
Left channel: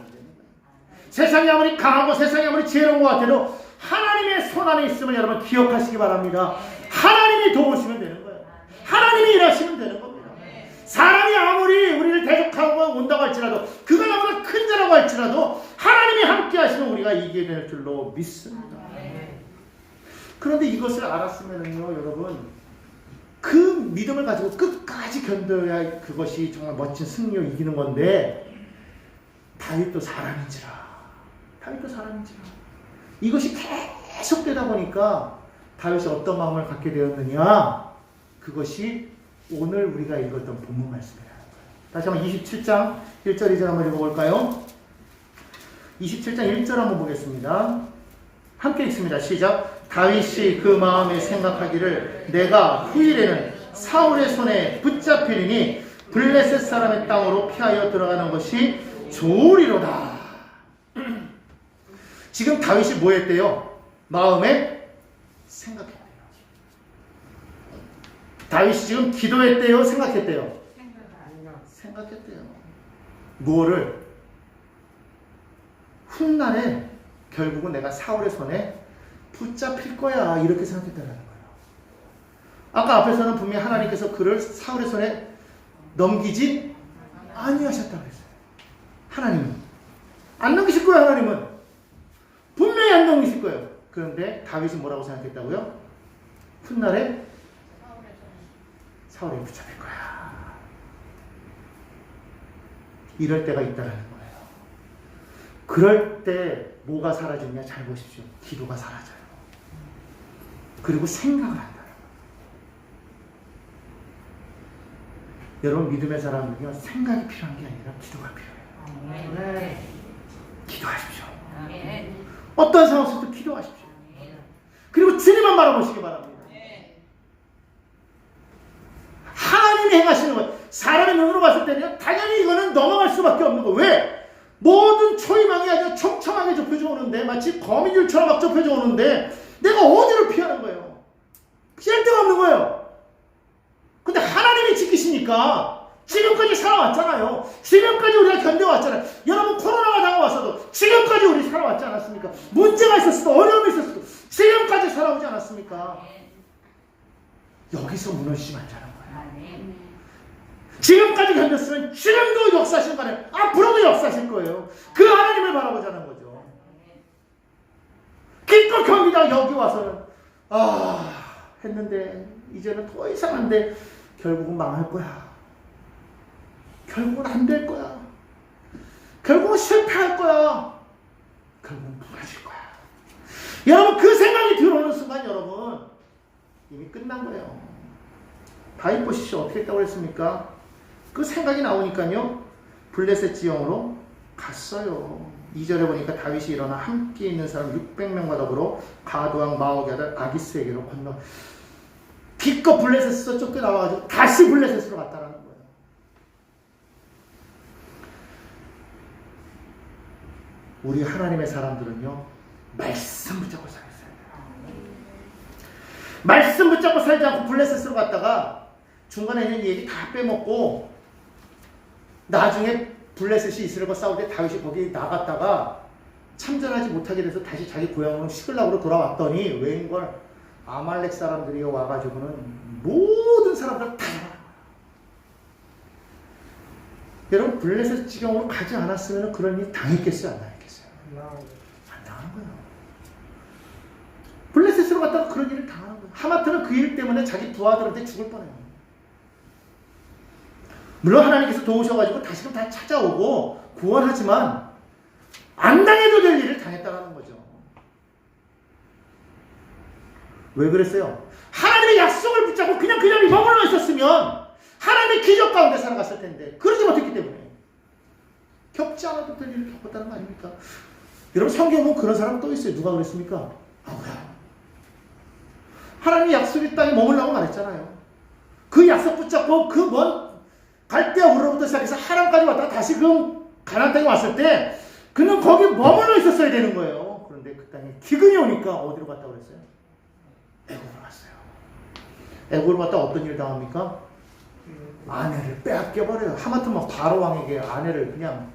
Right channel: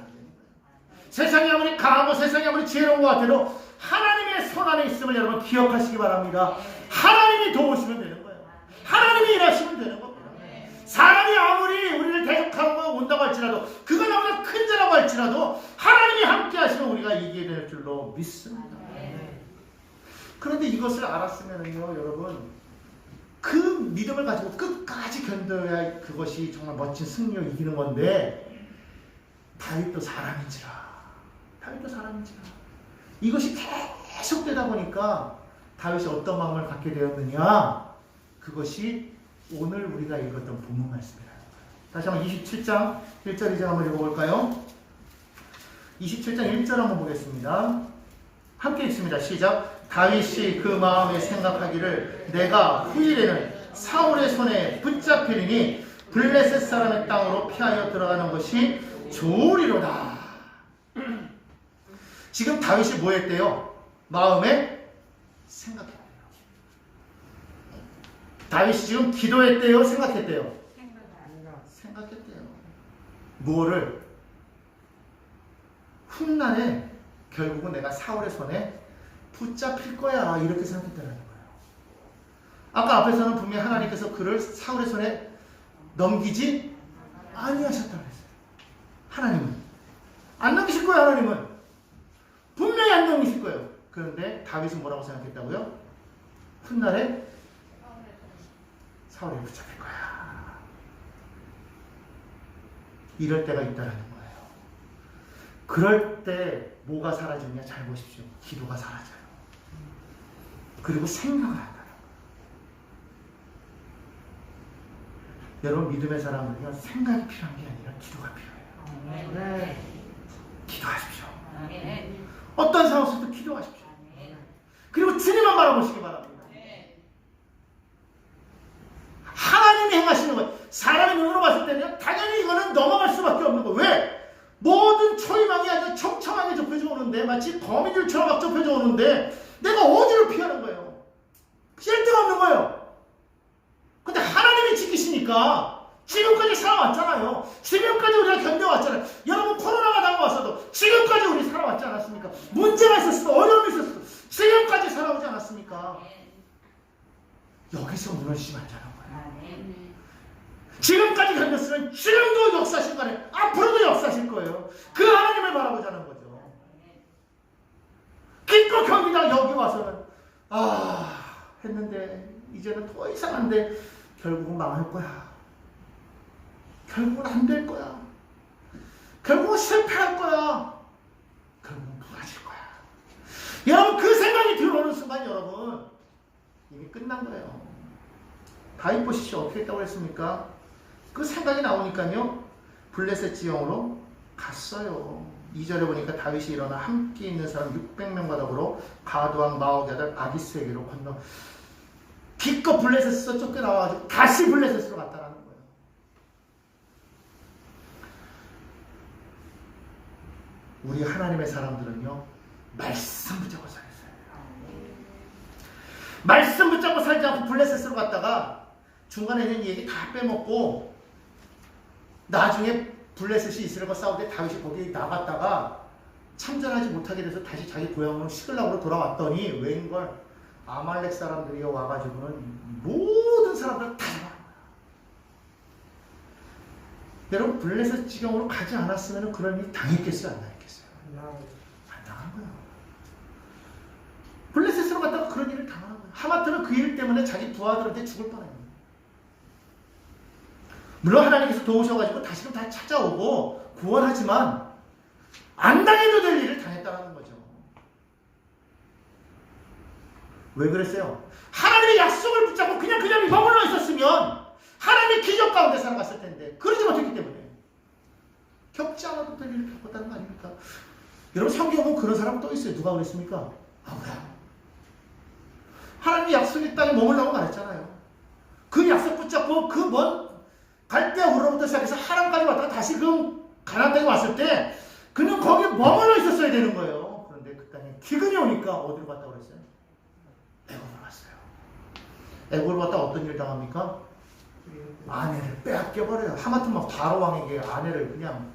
세상이 아무리 강하고 세상이 아무리 지혜로운 것 같아도 하나님의 손 안에 있음을 여러분 기억하시기 바랍니다. 하나님이 도우시면 되는 거예요. 하나님이 일하시면 되는 겁니다. 사람이 아무리 우리를 대적하고 온다고 할지라도 그가 너무나 큰 자라고 할지라도 하나님이 함께 하시면 우리가 이기게 될 줄로 믿습니다. 그런데 이것을 알았으면요 여러분 그 믿음을 가지고 끝까지 견뎌야 그것이 정말 멋진 승리로 이기는 건데 다윗도 사람인지라 이것이 계속되다 보니까 다윗이 어떤 마음을 갖게 되었느냐 그것이 오늘 우리가 읽었던 본문 말씀이에요. 다시 한번 27장 1절 이제 한번 읽어볼까요? 27장 1절 한번 보겠습니다. 함께 읽습니다. 시작. 다윗이 그 마음에 생각하기를 내가 후일에는 사울의 손에 붙잡히리니 블레셋 사람의 땅으로 피하여 들어가는 것이 좋으리로다. 지금 다윗이 뭐 했대요? 마음에 생각했대요. 다윗이 지금 기도했대요? 생각했대요? 생각했대요. 뭐를? 훗날에 결국은 내가 사울의 손에 붙잡힐 거야 이렇게 생각했다는 거예요. 아까 앞에서는 분명히 하나님께서 그를 사울의 손에 넘기지 아니하셨다고 했어요. 하나님은 안 넘기실 거예요. 하나님은 분명히 안 넘기실 거예요. 그런데 다윗은 뭐라고 생각했다고요? 훗날에 사울에 붙잡힐 거야. 이럴 때가 있다는 거예요. 그럴 때 뭐가 사라지냐 잘 보십시오. 기도가 사라져요. 그리고 생각을 한다. 여러분 믿음의 사람은요 생각이 필요한 게 아니라 기도가 필요해요. 기도하십시오. 어떤 상황 속에도 기도하십시오. 그리고 주님만 바라보시기 바랍니다. 하나님이 행하시는 것, 사람의 눈으로 봤을 때는 당연히 이거는 넘어갈 수밖에 없는 거. 왜? 모든 초이망이 아주 촘촘하게 좁혀져 오는데 마치 거미줄처럼 막 좁혀져 오는데 내가 어디로 피하는 거예요? 피할 데가 없는 거예요. 근데 하나님이 지키시니까 지금까지 살아왔잖아요. 지금까지 우리가 견뎌왔잖아요. 여러분 코로나가 다가왔어도 지금까지 우리 살아왔지 않았습니까? 문제가 있었어도 어려움이 있었어도 지금까지 살아오지 않았습니까? 여기서 무너지지 않잖아요. 지금까지 견뎠으면 지금도 역사하신 거예요. 앞으로도 역사하실 거예요. 그 하나님을 바라보자는 거죠. 기껏 경기다 여기 와서는 했는데 이제는 더 이상 안 돼. 결국은 망할 거야. 결국은 안 될 거야. 결국은 실패할 거야. 결국은 무너질 거야. 여러분 그 생각이 들어오는 순간 여러분 이미 끝난 거예요. 다윗 보십시오. 어떻게 했다고 했습니까? 그 생각이 나오니까요 블레셋 지형으로 갔어요. 2절에 보니까 다윗이 일어나 함께 있는 사람 600명과 더불어 가드왕 마옥의 아들 아기스에게로 건너 기껏 블레셋에서 쫓겨나와가지고 다시 블레셋으로 갔다라는 거예요. 우리 하나님의 사람들은요, 말씀 붙잡고 살았어요. 말씀 붙잡고 살지 않고 블레셋으로 갔다가 중간에 있는 얘기 다 빼먹고 나중에 블레셋이 이스라엘과 싸울 때 다윗이 거기 나갔다가 참전하지 못하게 돼서 다시 자기 고향으로 시글락으로 돌아왔더니 웬걸 아말렉 사람들이 와가지고는 모든 사람들 다 여러분 블레셋 지경으로 가지 않았으면 그런 일 당했겠어요? 안 당했겠어요? 안 당한 거예요. 블레셋으로 갔다가 그런 일을 당한 거예요. 하마터는 그 일 때문에 자기 두 아들한테 죽을 뻔해요. 물론 하나님께서 도우셔가지고 다시금 다 찾아오고 구원하지만 안 당해도 될 일을 당했다는 거죠. 왜 그랬어요? 하나님의 약속을 붙잡고 그냥 그 자리에 머물러 있었으면 하나님의 기적 가운데 살아갔을 텐데 그러지 못했기 때문에 겪지 않아도 될 일을 겪었다는 거 아닙니까? 여러분 성경 보면 그런 사람 또 있어요. 누가 그랬습니까? 아브라함. 하나님의 약속의 땅에 머물라고 말했잖아요. 그 약속 붙잡고 그 먼 갈대아 우르부터 시작해서 하란까지 왔다가 다시 그 가나안 땅에 왔을 때 그는 거기 머물러 있었어야 되는 거예요. 그런데 그 땅에 기근이 오니까 어디로 갔다고 그랬어요? 애굽으로 갔어요. 애굽으로 갔다 어떤 일 당합니까? 아내를 빼앗겨버려요. 하마터면 바로 왕에게 아내를 그냥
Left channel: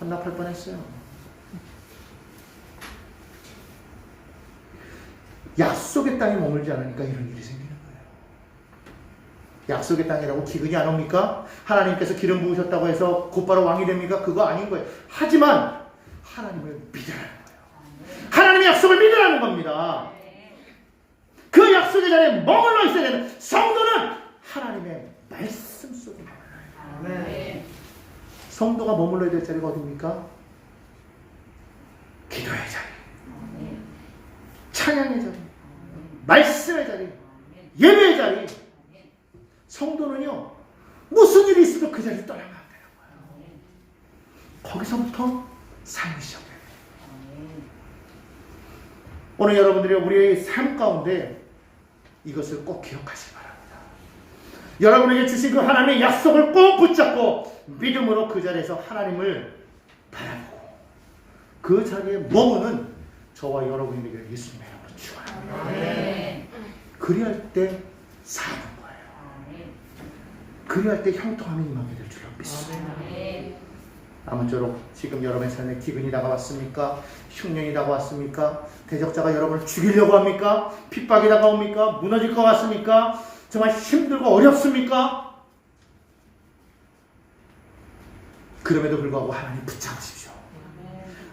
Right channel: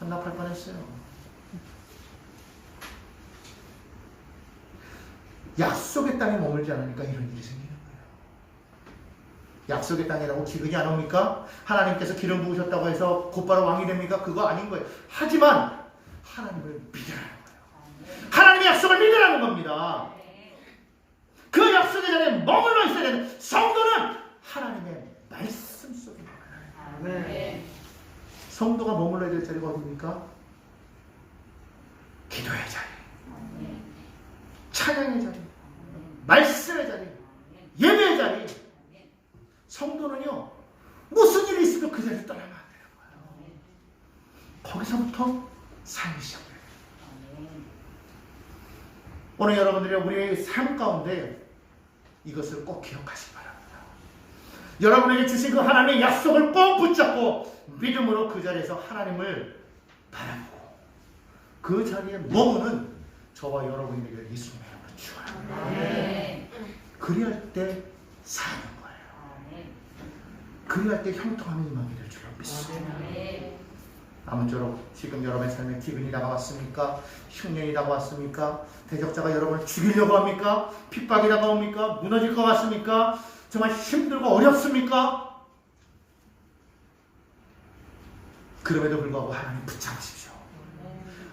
헌납할 뻔했어요. 약속의 땅에 머물지 않으니까 이런 일이 생기는 거예요. 약속의 땅이라고 기근이 안 옵니까? 하나님께서 기름 부으셨다고 해서 곧바로 왕이 됩니까? 그거 아닌 거예요. 하지만 하나님을 믿으라는 거예요. 하나님의 약속을 믿으라는 겁니다. 그 약속의 자리에 머물러 있어야 되는 성도는 하나님의 말씀 속에 머물러야 돼요. 성도가 머물러야 될 자리가 어디입니까? 기도의 자리, 찬양의 자리, 말씀의 자리, 예배의 자리. 성도는요, 무슨 일이 있으면 그 자리를 떠나면 안 돼요. 거기서부터 삶이 시작돼요. 오늘 여러분들이 우리의 삶 가운데 이것을 꼭 기억하시기 바랍니다. 여러분에게 주신 그 하나님의 약속을 꼭 붙잡고 믿음으로 그 자리에서 하나님을 바라보고 그 자리에 머무는 저와 여러분이 되기를 예수님의 이름으로 축원합니다. 그리할 때 사는 거예요. 그리할 때 형통함이 임하게 될 줄로 믿습니다. 아무쪼록 지금 여러분의 삶에 기근이 다가왔습니까? 흉년이 다가왔습니까? 대적자가 여러분을 죽이려고 합니까? 핍박이 다가옵니까? 무너질 것 같습니까? 정말 힘들고 어렵습니까? 그럼에도 불구하고 하나님 붙잡으십시오.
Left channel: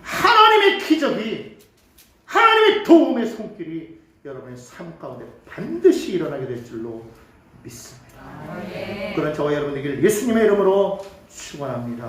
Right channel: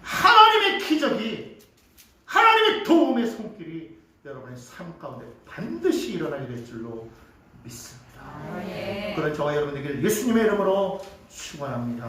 하나님의 기적이, 하나님의 도움의 손길이 여러분의 삶 가운데 반드시 일어나게 될 줄로 믿습니다. 그런 저와 여러분 되기를 예수님의 이름으로 축원합니다.